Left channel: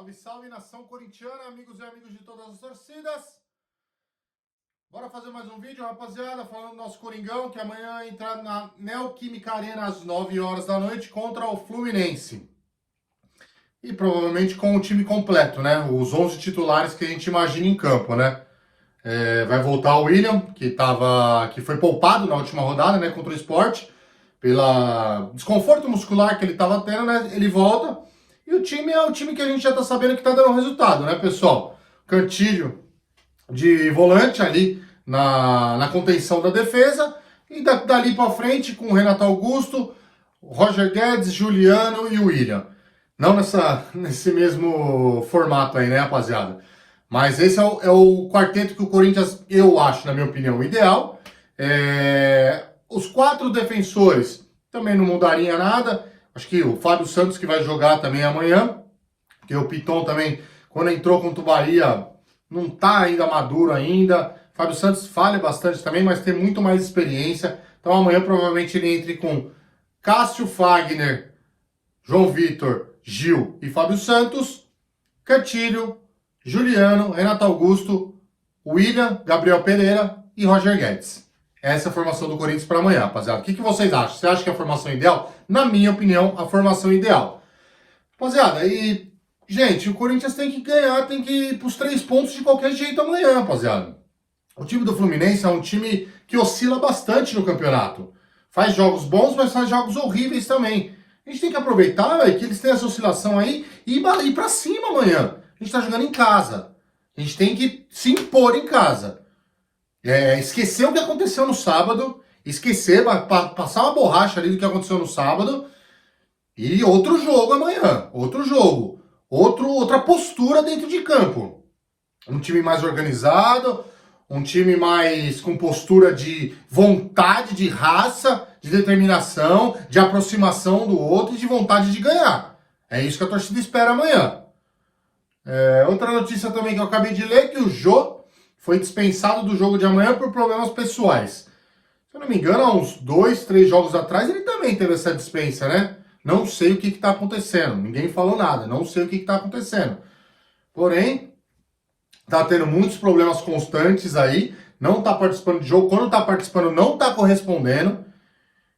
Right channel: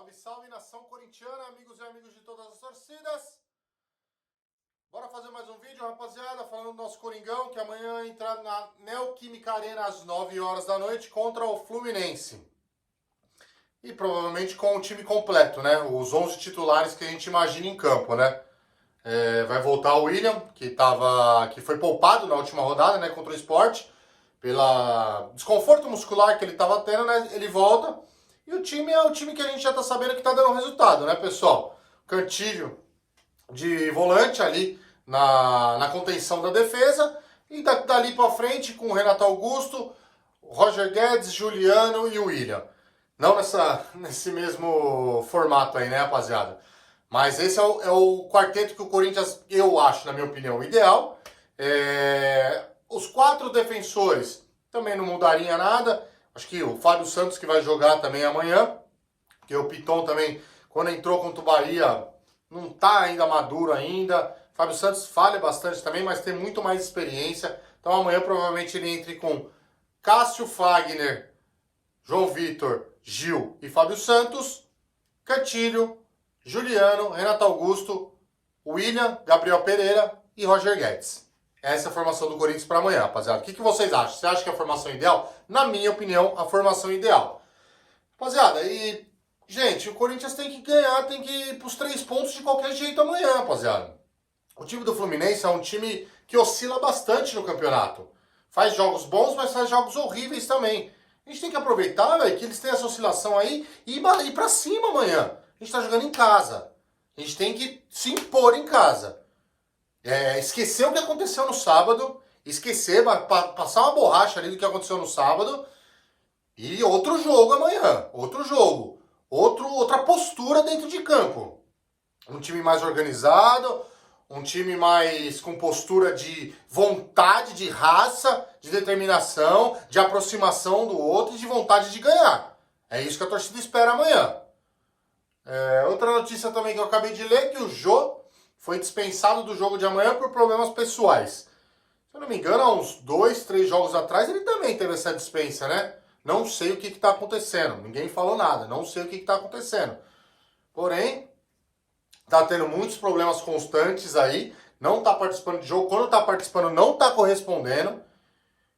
Salve, salve, nação corintiana, amigos e amigas de todas as torcidas. Bora fazer mais um vídeo, rapaziada, falando do nosso Coringão, que amanhã entra na Neoquímica Arena às 9 horas da noite contra o Fluminense. E provavelmente com o time completo, né? Os 11 titulares que a gente imagina em campo, né? Vai voltar o William, que foi poupado na última rodada, né? Contra o Sport, pelo desconforto muscular que ele estava tendo, né? Ele volta. E o time é o time que a gente já tá sabendo que tá dando resultado, né, pessoal? Cantilho de volante ali na contenção da defesa. E dali para frente com o Renato Augusto, Roger Guedes, Juliano e o William. Não nesse mesmo formato aí, né, rapaziada? Mas esse é o quarteto que o Corinthians, eu acho, na minha opinião, ideal. Os 4 defensores também não mudaria nada. Acho que o Fábio Santos que vai jogar também amanhã, porque o Piton também, quando entrou contra o Bahia, não tá ainda maduro ainda. Fábio Santos falha bastante também, mas tem muito mais experiência. Então amanhã provavelmente ele entre com Cássio, Fagner, João Vitor, Gil e Fábio Santos, Cantilho, Juliano, Renato Augusto, William, Gabriel Pereira e Roger Guedes. Essa é a formação do Corinthians para amanhã, rapaziada. O que vocês acham? Você acha que é a formação ideal? Na minha opinião, a formação ideal. Rapaziada, e, gente, o Corinthians tem que ganhar, tem que ir pros 3 pontos de qualquer jeito amanhã, rapaziada. O time do Fluminense é um time que oscila bastante no campeonato. Faz jogos bons, mas faz jogos horríveis também. A gente tem que aproveitar, véio, que eles têm essa oscilação aí e ir pra cima amanhã. A gente tá jogando em casa. A gente tem que se impor em casa. Esquecer o que aconteceu no sábado, passar uma borracha ali do que aconteceu no sábado, e outro jogo amanhã, outro jogo, outra postura dentro de campo. Um time mais organizado, um time mais com postura de vontade, de raça, de determinação, de aproximação do outro e de vontade de ganhar. É isso que a torcida espera amanhã. Outra notícia também que eu acabei de ler, que o Jô foi dispensado do jogo de amanhã por problemas pessoais. Se eu não me engano, há uns 2, 3 jogos atrás, ele também teve essa dispensa, né? Não sei o que está acontecendo. Ninguém falou nada. Não sei o que está acontecendo. Porém, está tendo muitos problemas constantes aí. Não está participando de jogo. Quando está participando, não está correspondendo.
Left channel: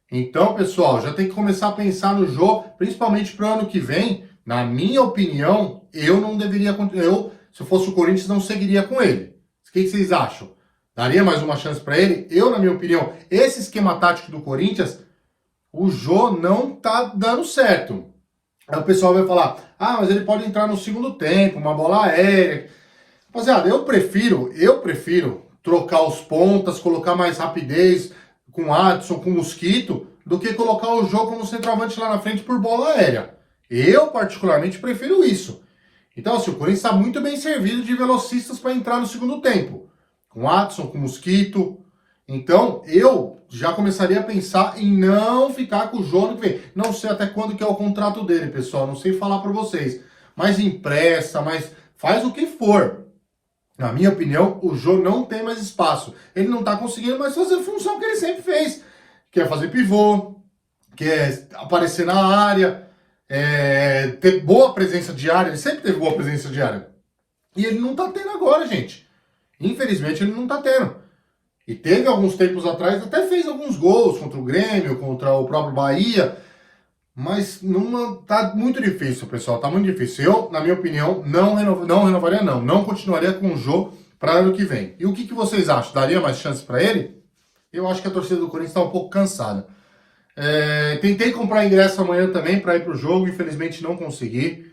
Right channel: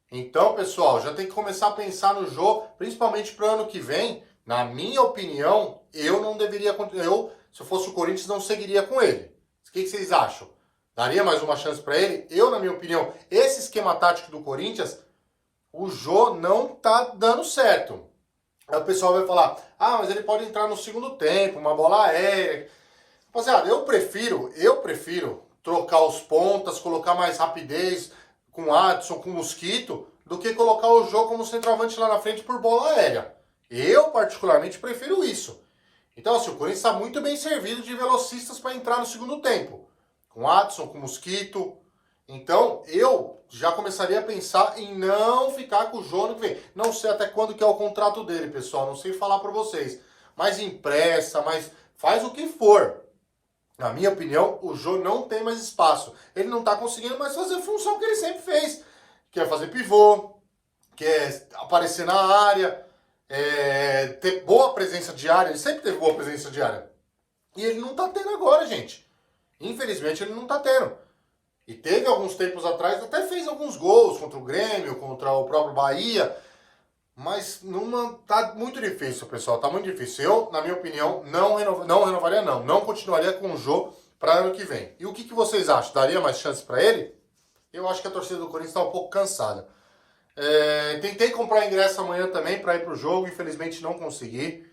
Então, pessoal, já tem que começar a pensar no jogo, principalmente para o ano que vem. Na minha opinião, eu não deveria... se eu fosse o Corinthians, não seguiria com ele. O que vocês acham? Daria mais uma chance para ele? Eu, na minha opinião, esse esquema tático do Corinthians, o Jô não tá dando certo. Aí o pessoal vai falar, mas ele pode entrar no segundo tempo, uma bola aérea. Rapaziada, eu prefiro trocar os pontas, colocar mais rapidez com Adson, com Mosquito, do que colocar o Jô como centroavante lá na frente por bola aérea. Eu, particularmente, prefiro isso. Então, assim, o Corinthians está muito bem servido de velocistas para entrar no segundo tempo. Com Adson, com Mosquito. Então, eu já começaria a pensar em não ficar com o Jô no que vem. Não sei até quando que é o contrato dele, pessoal. Não sei falar para vocês. Mas empresta, mas faz o que for. Na minha opinião, o Jô não tem mais espaço. Ele não está conseguindo mais fazer a função que ele sempre fez. Que é fazer pivô, que é aparecer na área... ter boa presença de área, ele sempre teve boa presença de área. E ele não tá tendo agora, gente. Infelizmente ele não tá tendo. E teve alguns tempos atrás, até fez alguns gols contra o Grêmio, contra o próprio Bahia. Mas tá muito difícil, pessoal. Tá muito difícil. Eu, na minha opinião, não renovaria, não. Não continuaria com o jogo para ano que vem. E o que vocês acham? Daria mais chance para ele? Eu acho que a torcida do Corinthians está um pouco cansada. Tentei comprar ingresso amanhã também para ir pro jogo, infelizmente não consegui.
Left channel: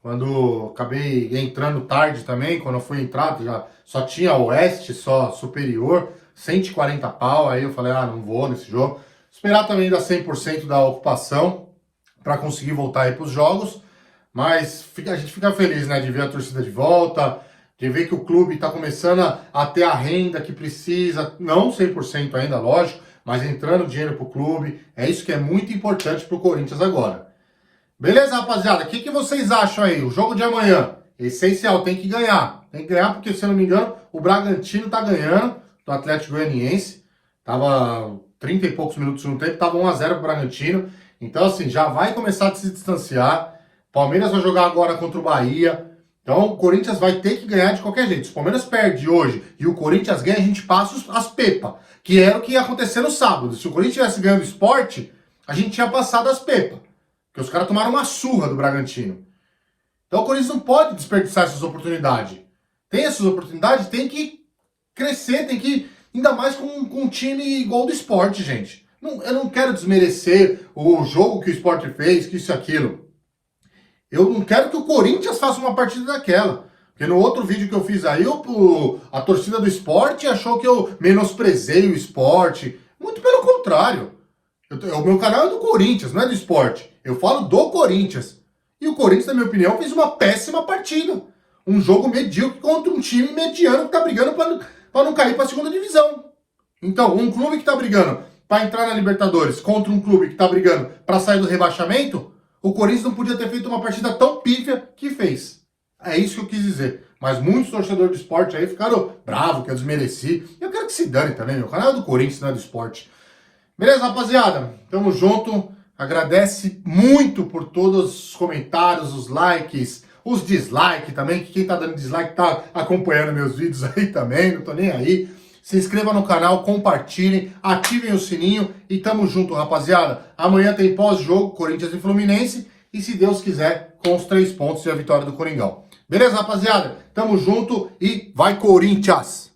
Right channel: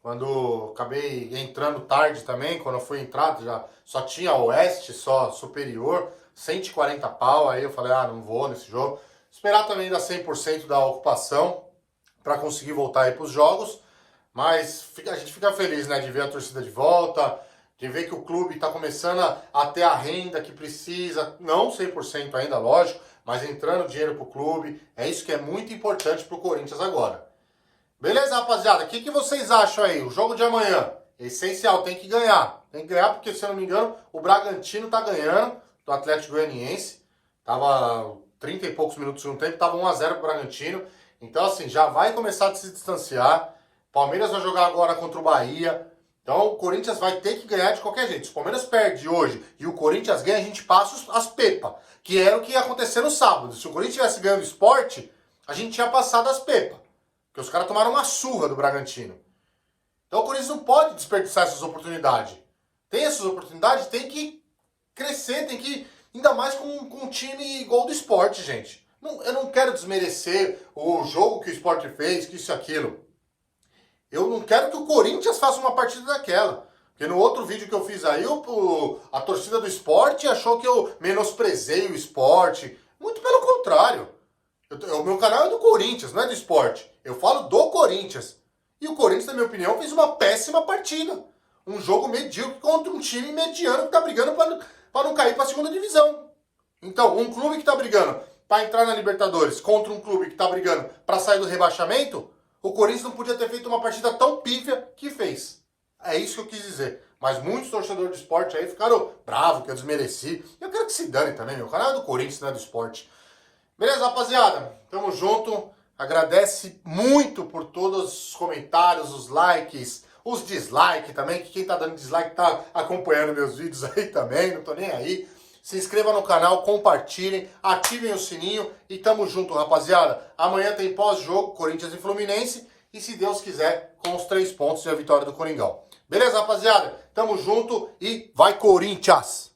Quando acabei entrando tarde também, quando eu fui entrar, já só tinha Oeste, só Superior, 140 pau, aí eu falei, não vou nesse jogo. Esperar também dar 100% da ocupação para conseguir voltar aí pros jogos, mas a gente fica feliz, né, de ver a torcida de volta, de ver que o clube está começando a ter a renda que precisa, não 100% ainda, lógico, mas entrando dinheiro pro clube, é isso que é muito importante pro Corinthians agora. Beleza, rapaziada? O que vocês acham aí? O jogo de amanhã, essencial, tem que ganhar. Tem que ganhar porque, se eu não me engano, o Bragantino tá ganhando do Atlético Goianiense. Tava 30 e poucos minutos no tempo, tava 1 a 0 pro Bragantino. Então, assim, já vai começar a se distanciar. Palmeiras vai jogar agora contra o Bahia. Então o Corinthians vai ter que ganhar de qualquer jeito. Se o Palmeiras perde hoje e o Corinthians ganha, a gente passa as pepas. Que era o que ia acontecer no sábado. Se o Corinthians tivesse ganhando o Sport, a gente tinha passado as pepas. Porque os caras tomaram uma surra do Bragantino. Então o Corinthians não pode desperdiçar essas oportunidades. Tem essas oportunidades, tem que crescer, tem que... Ainda mais com um time igual do Sport, gente. Eu não quero desmerecer o jogo que o Sport fez, que isso e aquilo. Eu não quero que o Corinthians faça uma partida daquela. Porque no outro vídeo que eu fiz aí, a torcida do Sport achou que eu menosprezei o Sport. Muito pelo contrário. O meu canal é do Corinthians, não é do Sport. Eu falo do Corinthians. E o Corinthians, na minha opinião, fez uma péssima partida. Um jogo medíocre contra um time mediano que tá brigando para não cair para a segunda divisão. Então, um clube que tá brigando para entrar na Libertadores contra um clube que tá brigando para sair do rebaixamento, o Corinthians não podia ter feito uma partida tão pífia que fez. É isso que eu quis dizer. Mas muitos torcedores do Sport aí ficaram bravos, que eu desmereci. Eu quero que se dane também, meu canal é do Corinthians, não é do Sport. Beleza, rapaziada? Tamo junto. Agradece muito por todos os comentários, os likes, os dislikes também, que quem tá dando dislike tá acompanhando meus vídeos aí também, não tô nem aí. Se inscreva no canal, compartilhem, ativem o sininho e tamo junto, rapaziada. Amanhã tem pós-jogo, Corinthians e Fluminense, e se Deus quiser, com os 3 pontos e a vitória do Coringão. Beleza, rapaziada? Tamo junto e vai Corinthians!